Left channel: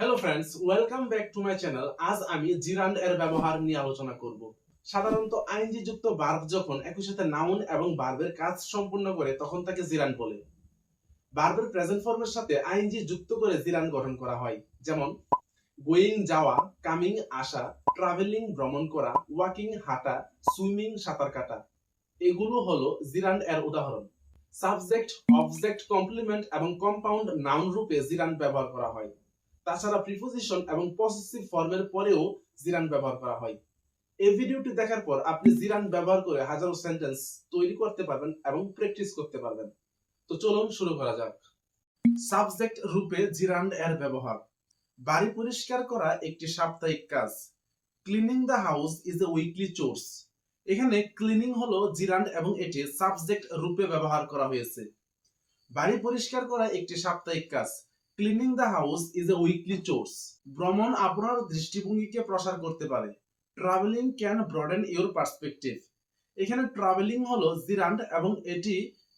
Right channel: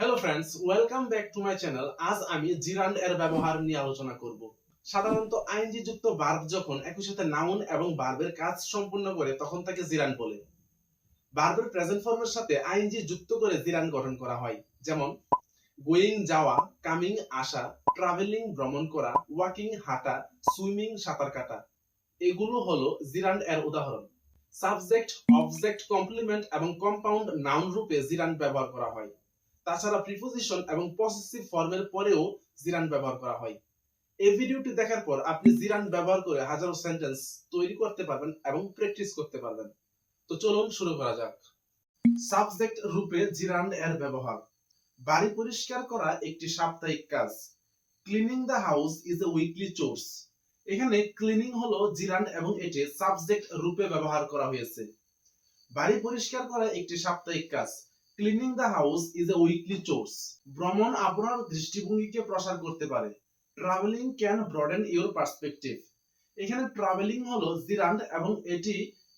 Hello friends welcome back to my channel আজ আমি জিরান্ড এর ব্যবহার নিয়ে আলোচনা করব। সাধারণত আইনজি যুক্ত বার্ব যখন একই সাথে নাউন এবং বার্বের কাজ সম্পূর্ণ করে, তখন তাকে জিরান বলে। বার্বের প্রেজেন্ট ফর্মের সাথে আইনজি যুক্ত করে জিরান গঠন করা হয়। যেমন গোয়িং যাওয়া কামিং আসা ট্রাভেলিং ভ্রমণ করা ওয়াকিং হাঁটা সুইমিং সাঁতার কাটা। এগুলো হলো জিরান্ড এর উদাহরণ। সাবজেক্ট অবজেক্ট কমপ্লিমেন্ট এবং কম্পাউন্ড নাউন রূপে জিরান্ড ব্যবহার করা হয়। তাছাড়া প্রিপোজিশন এবং পসেসিভ ফর্মের পরেও জিরান ব্যবহার করা হয়। এই ভিডিওটি দেখার পর আপনি জিরান ব্যবহার করে হাজারো সেন্টেন্স তৈরি করতে পারবেন এবং প্র্যাকটিস করতে পারবেন। তো চলুন শুরু করা যাক। সাবজেক্ট রূপে জিরান এর ব্যবহার। বাড়ি পরিষ্কার করা একটি সাপ্তাহিক কাজ। Cleaning the house is a weekly chores এখানে ক্লিনিং হলো জিরান এবং এটি সাবজেক্ট রূপে ব্যবহার করা হয়েছে। বাড়ি পরিষ্কার করা একটি সাপ্তাহিক কাজ। Cleaning the house is a weekly chores ভ্রমণ আপনার দৃষ্টিভঙ্গিকে প্রসার করতে পারে। Travelling can broaden your perspective এখানে ট্রাভেলিং হলো জিরান্ড এবং এটি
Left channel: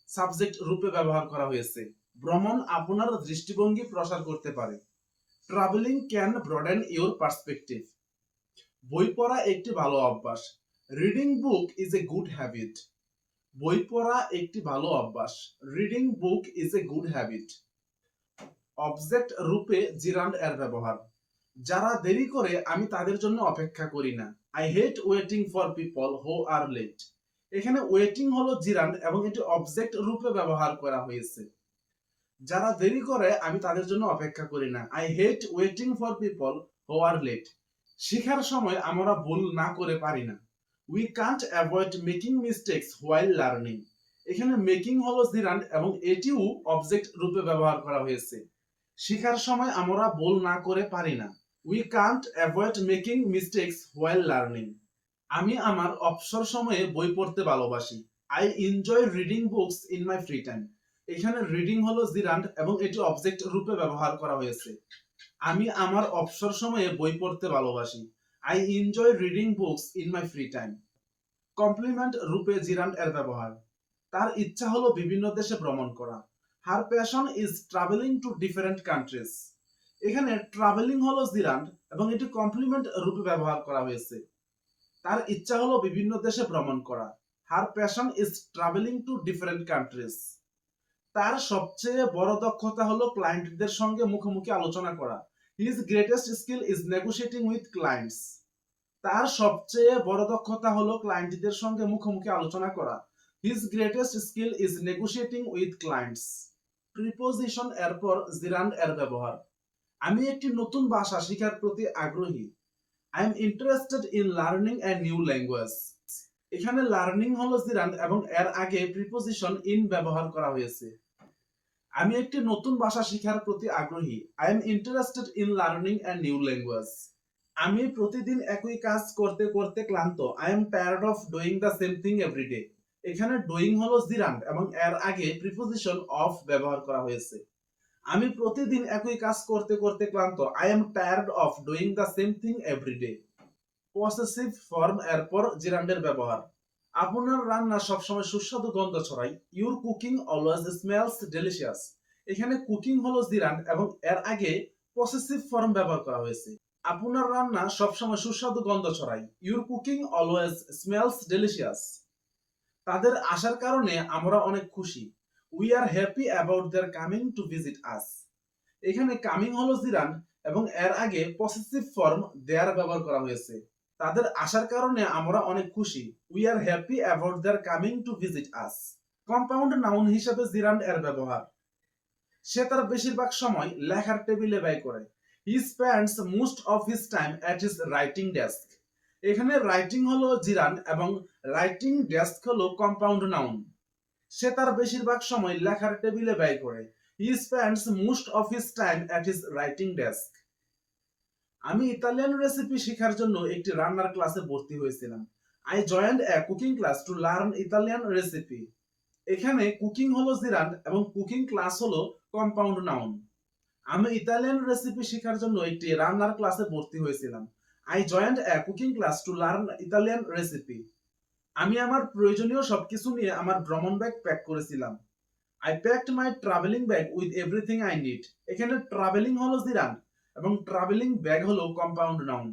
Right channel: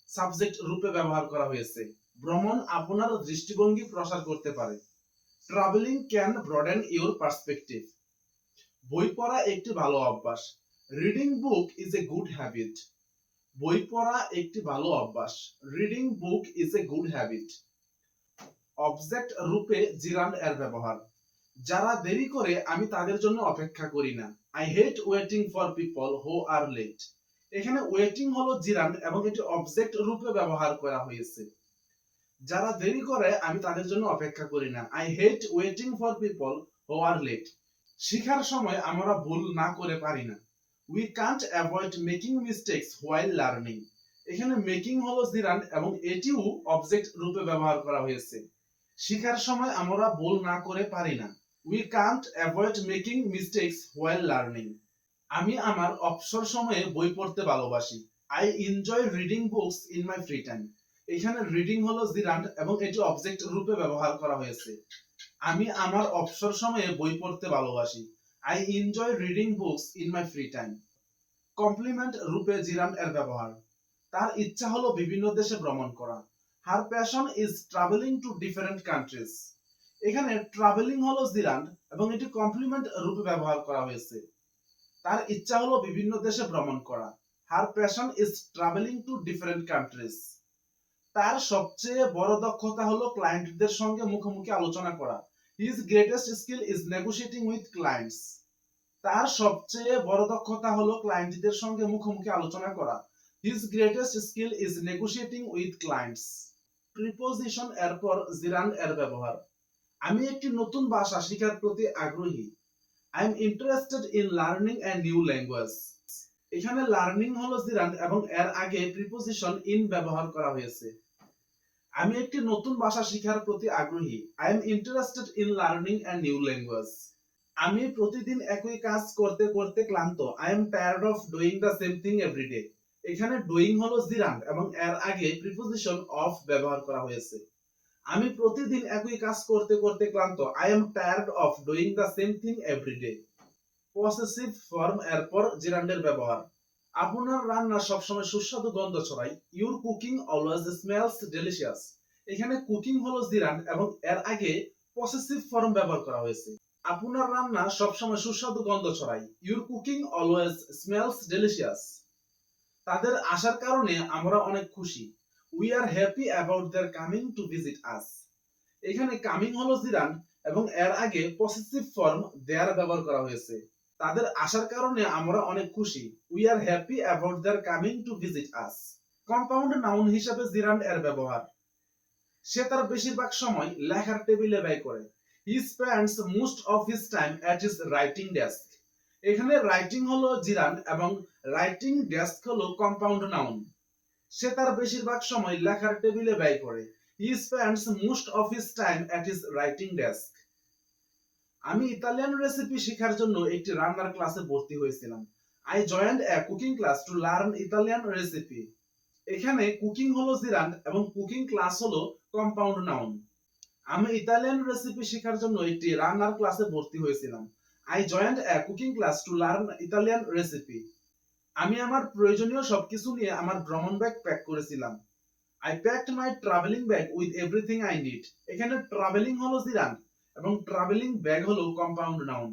সাবজেক্ট রূপে ব্যবহার করা হয়েছে। ভ্রমণ আপনার দৃষ্টিভঙ্গি প্রসার করতে পারে। Travelling can broaden your perspective বই পড়া একটি ভালো অভ্যাস। Reading book is a good habit বই পড়া একটি ভালো অভ্যাস। Reading book is a good habit object রূপে জিরান্ড এর ব্যবহার। যারা দেরি করে, আমি তাদের জন্য অপেক্ষা করি না। I hate waiting for people who are late এখানে ওয়েটিং হলো জিরান্ড এবং এটি অবজেক্ট রূপে ব্যবহার করা হয়েছে। যারা দেরি করে, আমি তাদের জন্য অপেক্ষা করি না। I hate waiting for people who are late শিখার সময় আমরা ভুল না করে পারি না। We can't avoid making mistakes while learning এখানে মেকিং হলো জিরান্ড এবং এটিও অবজেক্ট রূপে ব্যবহার করা হয়েছে। শিখার সময় আমরা ভুল না করে পারি না। We can't avoid making mistakes while learning আমি আমার অবসর সময়ে বই পড়তে ভালোবাসি। I enjoy reading books in my free time এখানে রিডিং হলো জিরান্ড এবং এটি অবজেক্ট রূপে ব্যবহার করা হয়েছে। আমি আমার অবসর সময়ে বই পড়তে ভালোবাসি। I enjoy reading books in my free time complement রূপে জিরান্ড এর ব্যবহার। তার ইচ্ছা হলো বিভিন্ন দেশে ভ্রমণ করা। Her passion is travelling to different countries এখানে ট্রাভেলিং হলো জিরান্ড এবং এটি কমপ্লিমেন্ট রূপে ব্যবহার করা হয়েছে। তার ইচ্ছা হলো বিভিন্ন দেশে ভ্রমণ করা। Her passion is travelling to different countries তার সবচেয়ে বড় দক্ষতা হলো ক্লায়েন্টদের সঙ্গে মুখোমুখি আলোচনা করা। His greatest skill is negotiating with clients তার সবচেয়ে বড় দক্ষতা হলো ক্লায়েন্টদের সঙ্গে মুখোমুখি আলোচনা করা। His greatest skill is negotiating with clients preposition এরপর জিরান্ড এর ব্যবহার। আমি একটি নতুন ভাষা শেখার প্রতি আগ্রহী। I am interested in learning a new language এখানে লার্নিং হলো জিরান্ড এবং এর আগে প্রিপোজিশন ইন ব্যবহার করা হয়েছে। আমি একটি নতুন ভাষা শেখার প্রতি আগ্রহী। I am interested in learning a new language আমি প্রতিদিন একই কাজ করতে করতে ক্লান্ত। I am tired of doing the same thing every day এখানে ডুইং হলো জিরান্ড এবং এর আগে প্রিপোজিশন অফ ব্যবহার করা হয়েছে। আমি প্রতিদিন একই কাজ করতে করতে ক্লান্ত। I am tired of doing the same thing every day possessive form এরপর জিরান্ডের ব্যবহার। আপনার রান্না সবসময় সুস্বাদু গন্ধ ছড়ায়। Your cooking always smells delicious এখানে কুকিং হলো জিরান্ড এবং এর আগে পসেসিভ ফর্ম ব্যবহার করা হয়েছে। আপনার রান্না সবসময় সুস্বাদু গন্ধ ছড়ায়। Your cooking always smells delicious তাদের আসার কারণে আমরা অনেক খুশি। We are happy about their coming to visit us এখানে কামিং হলো জিরান এবং এর আগে পসেসিভ ফর্ম দেয়ার ব্যবহার করা হয়েছে। তাদের আসার কারণে আমরা অনেক খুশি। We are happy about their coming to visit us compound noun হিসাবে জিরান্ড এর ব্যবহার। সে তার বেশিরভাগ সময় লেখার টেবিলে ব্যয় করে। He spends most of his time at his writing desk এখানে রাইটিং হলো জিরান্ড এবং রাইটিং ডেস্ক হলো কম্পাউন্ড নাউন সে তার বেশিরভাগ সময় লেখার টেবিলে ব্যয় করে। He spends most of his time at his writing desk আমি ইতালিয়ান রেসিপি শেখার জন্য একটি রান্নার ক্লাসে ভর্তি হয়েছিলাম। I joined a cooking class to learn Italian recipe এখানে কুকিং হলো জিরান এবং কুকিং ক্লাস হলো কম্পাউন্ড নাউন আমি ইতালিয়ান রেসিপি শেখার জন্য একটি রান্নার ক্লাসে ভর্তি হয়েছিলাম। I joined a cooking class to learn Italian recipe আমি আমার প্রয়োজনীয় সবকিছু নিয়ে আমার ভ্রমণ ব্যাগ প্যাক করেছিলাম। I packed my travelling bag with everything I need এখানে ট্রাভেলিং হলো জিরান্ড এবং ট্রাভেলিং ব্যাগ হলো কম্পাউন্ড নাউন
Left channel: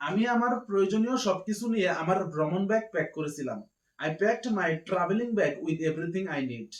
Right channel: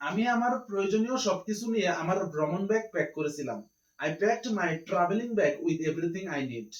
আমি আমার প্রয়োজনীয় সবকিছু নিয়ে আমার ভ্রমণ ব্যাগ প্যাক করেছিলাম। I packed my travelling bag with everything I need